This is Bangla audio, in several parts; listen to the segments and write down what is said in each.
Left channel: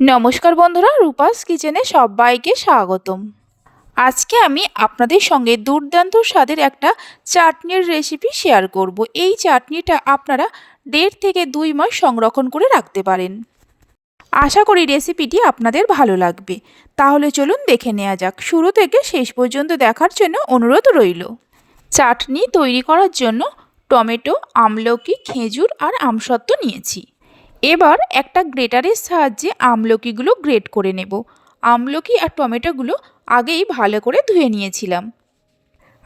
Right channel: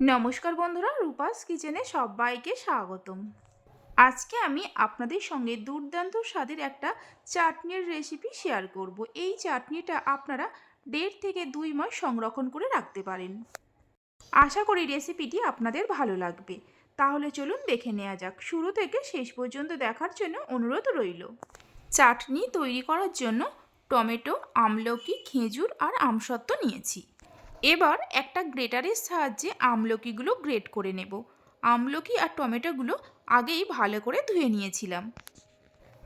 নমস্কার বন্ধুরা, রূপাস কিচেনে সবাইকে স্বাগতম। আজকে আমি আপনাদের সঙ্গে দুর্দান্ত স্বাদের একটা চাটনির রেসিপি শেয়ার করব। এই চাটনিটা আপনারা দেড় থেকে দুই মাস সংরক্ষণ করে রাখতে পারেন। আশা করি রেসিপিটি আপনাদের ভালো লাগবে। তাহলে চলুন দেখে নেওয়া যাক। শুরু থেকে শেষ পর্যন্ত দেখার জন্য অনুরোধ রইল। চাটনি তৈরি করার জন্য টমেটো, আমলকি, খেজুর আর আমসত্ত্ব নিয়েছি। এবার একটা গ্রেটারের সাহায্যে আমলকিগুলো গ্রেট করে নেব। আমলকি আর টমেটোগুলো আগেই ভালো করে ধুয়ে নিয়েছিলাম।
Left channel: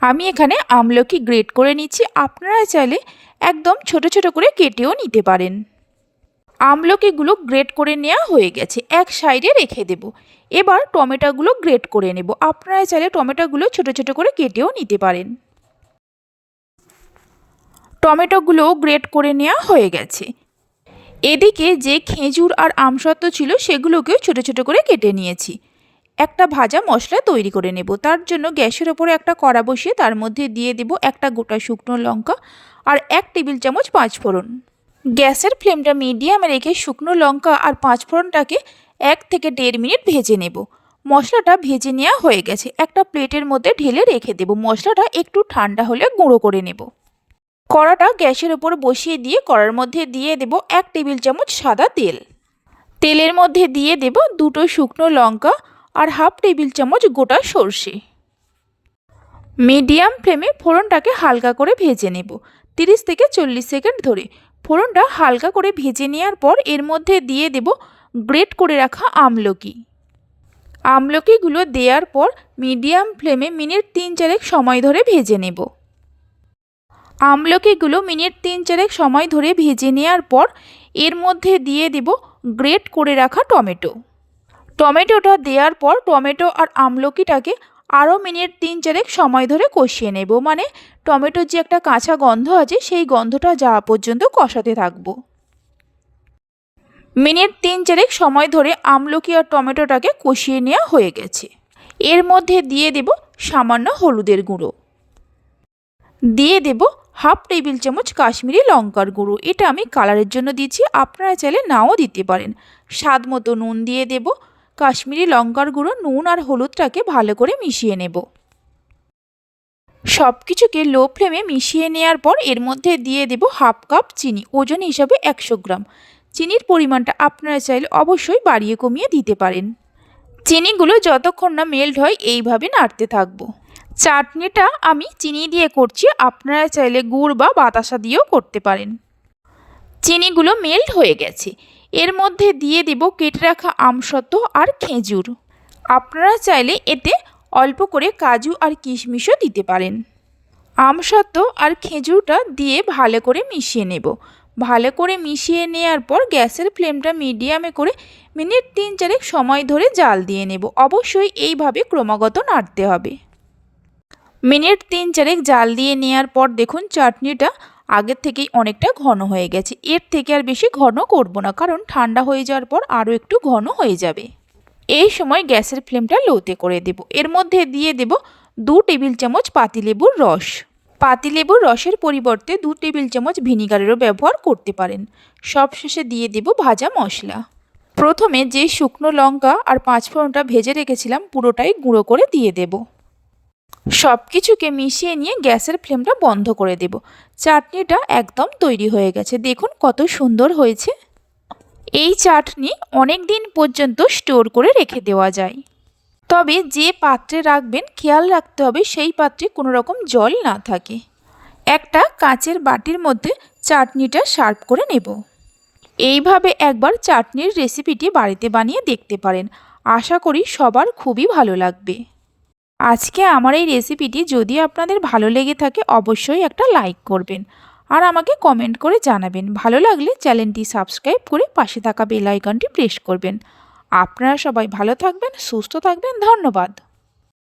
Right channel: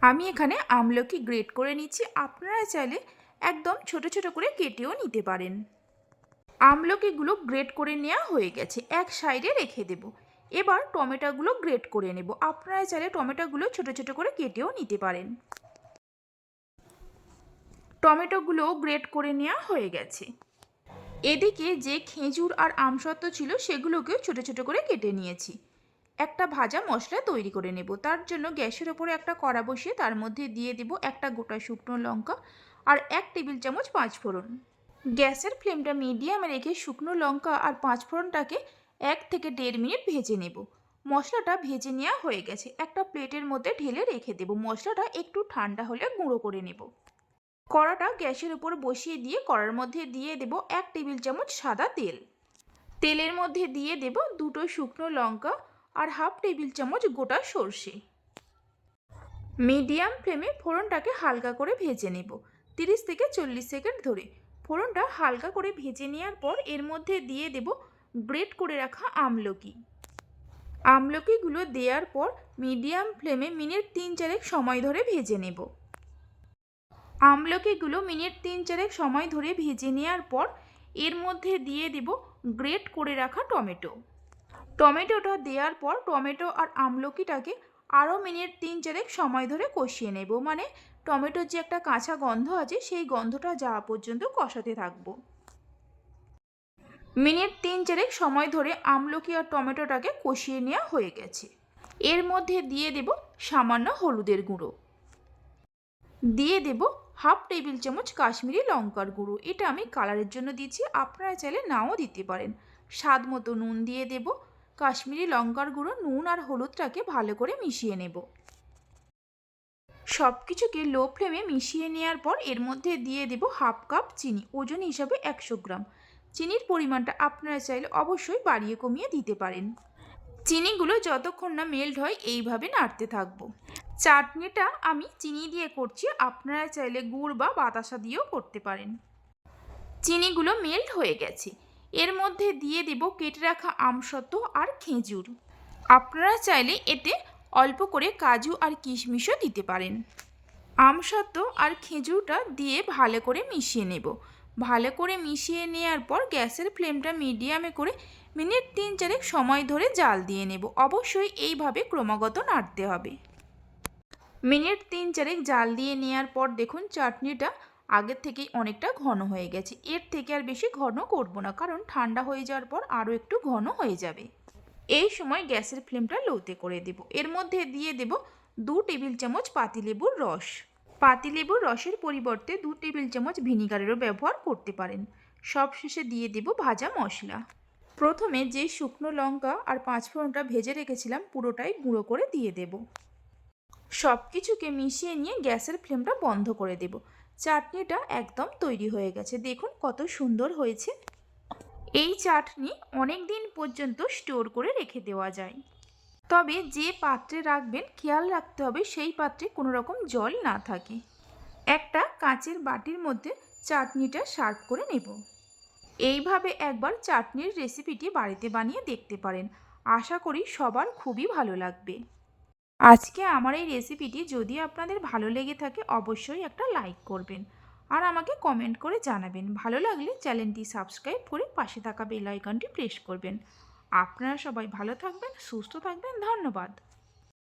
আমি এখানে আমলকি গ্রেট করে নিচ্ছি। আপনারা চাইলে একদম ছোট ছোট করে কেটেও নিতে পারেন। আমলকিগুলো গ্রেট করে নেওয়া হয়ে গেছে। এক সাইডে রেখে দেব। এবার টমেটোগুলো গ্রেট করে নেব। আপনারা চাইলে টমেটোগুলো ছোট ছোট করে কেটেও নিতে পারেন। টমেটোগুলো গ্রেট করে নেওয়া হয়ে গেছে। এদিকে যে খেজুর আর আমসত্ত্ব ছিল সেগুলোকেও ছোটো ছোটো করে কেটে নিয়েছি। একটা ভাজা মশলা তৈরি করে নেব। তার জন্য গ্যাসের ওপরে একটা কড়া বসিয়ে তার মধ্যে দিয়ে দেব একটা গোটা শুকনো লঙ্কা আর এক টেবিল চামচ পাঁচফোড়ন গ্যাসের ফ্লেমটা মিডিয়ামে রেখে শুকনো লঙ্কা আর পাঁচফোড়নটাকে এক থেকে দেড় মিনিট ভেজে নেব। মশলাটা ভেজে নেওয়া হয়ে গেছে। একটা প্লেটের মধ্যে ঢেলে রেখে দেব। মশলাটা একটু ঠান্ডা হলে গুঁড়ো করে নেব। কড়াটা গ্যাসের ওপর বসিয়ে দিয়ে কড়ার মধ্যে দিয়ে দেব এক টেবিল চামচ সাদা তেল। তেলের মধ্যে দিয়ে দেব দুটো শুকনো লঙ্কা আর হাফ টেবিল চামচ গোটা সর্ষে। মিডিয়াম ফ্লেমে ফোড়নটাকে হালকা করে ভেজে নেব। তিরিশ থেকে চল্লিশ সেকেন্ড ধরে ফোড়নটা হালকা করে ভেজে নেওয়ার পর এর মধ্যে দিয়ে দেব গ্রেট করে রাখা আমলকি। আমলকিগুলো দেওয়ার পর মিডিয়াম ফ্লেমে মিনিট তিন চারেক সময় ধরে ভেজে নেব। আমলকিগুলো মিনিট তিন চারেক সময় ধরে ভেজে নেওয়ার পর এর মধ্যে দিয়ে দেব গ্রেট করে রাখা টমেটো। টমেটোটা দেওয়ার পর টমেটো আর আমলকিটাকে আরও মিনিট তিন চারেক সময় ধরে কষিয়ে নেব। মানে টমেটোর যে একটা কাঁচা গন্ধ আছে, সেই গন্ধটা যাওয়া পর্যন্ত কষাতে থাকব। মিনিট তিন চারেক সময় ধরে আমলকি আর টমেটোটাকে কষিয়ে নেওয়া হয়ে গেছে। এর মধ্যে দিয়ে দেব সামান্য হলুদের গুঁড়ো। দিয়ে দেব হাফ টেবিল চামচ কাশ্মীরি লঙ্কার গুঁড়ো। এটা আমি কালারের জন্য দিচ্ছি আপনারা চাইলে নাও দিতে পারেন। স্বাদ মতো নুন দিয়ে দেব। কাশ্মীরি লঙ্কার গুঁড়ো, নুন আর হলুদটাকে ভালো করে মিশিয়ে নেব। সব কিছুকে লো ফ্লেমে মিশিয়ে নেওয়ার পর এর মধ্যে দিয়ে দেব হাফ কাপ চিনি, ওজন হিসাবে একশো গ্রাম। চিনির পরিমাণটা আপনারা চাইলে অবশ্যই বাড়িয়ে কমিয়ে দিতে পারেন। চিনিগুলো যতক্ষণ না মেল্ট হয়, এইভাবে নাড়তে থাকব। চাটনিটা আমি চিনি দিয়ে করছি, আপনারা চাইলে গুড় বা বাতাসা দিয়েও করতে পারেন। চিনিগুলো মেল্ট হয়ে গেছে। এর মধ্যে দিয়ে দেব কেটে রাখা আমসত্ত্ব আর খেজুর। আপনারা চাইলে এতে অল্প করে কাজু আর কিশমিশও দিতে পারেন। আমসত্ত্ব আর খেজুরটা দিয়ে ভালো করে মিশিয়ে নেব। ভালো করে মিশিয়ে নেওয়ার পর গ্যাসের ফ্লেমটা মিডিয়ামে করে মিনিট তিন চারেক সময় ধরে জাল দিয়ে নেব। অবশ্যই এইভাবে ক্রমাগত নাড়তে হবে। মিনিট তিন চারেক জাল দিয়ে নেওয়ার পর দেখুন চাটনিটা আগের থেকেই অনেকটা ঘন হয়ে গেছে। এর থেকে আর বেশি ঘন করব না, কারণ ঠান্ডা হয়ে যাওয়ার পর আরও একটু ঘন হয়ে যাবে। এই সময় গ্যাসের ফ্লেমটা লোতে করে দেব। এর মধ্যে দিয়ে দেব দু টেবিল চামচ পাতিলেবুর রস। পাতিলেবুর রসের পরিবর্তে দু টেবিল চামচ ভিনিগারেরও ব্যবহার করতে পারেন। সব শেষে দিয়ে দেব ভাজা মশলা। প্রথমে যে শুকনো লঙ্কা আর পাঁচফোড়নটা ভেজে রেখেছিলাম, পুরোটাই গুঁড়ো করে দিয়ে দেব। সব কিছুকে মিশিয়ে নিয়ে গ্যাসের ফ্লেমটা বন্ধ করে দেব। চাটনিটা একদম তৈরি হয়ে গেছে। দেখুন কত সুন্দর হয়েছে। এই চাটনি অনেক দিন পর্যন্ত স্টোর করে রেখে দেওয়া যায়। তবে যে পাত্রে রাখবেন, খেয়াল রাখতে হবে সেই পাত্রে কোনো রকম জল না থাকে। একটা কাঁচের বাটির মধ্যে চাটনিটা সার্ভ করে নেব। এইভাবে একবার চাটনির রেসিপিটি বাড়িতে বানিয়ে দেখতে পারেন। আশা করি সবার খুবই ভালো লাগবে। আজকে আমার এই রেসিপিটি যদি আপনাদের ভালো লেগে থাকে, অবশ্যই একটা লাইক করবেন। আর আমাকে কমেন্ট করে জানাবেন। ভালো লাগলে চ্যানেলটি সাবস্ক্রাইব করে পাশে থাকা বেল আইকনটি প্রেস করবেন। আপনারা সবাই ভালো থাকবেন, সুস্থ থাকবেন, ধন্যবাদ।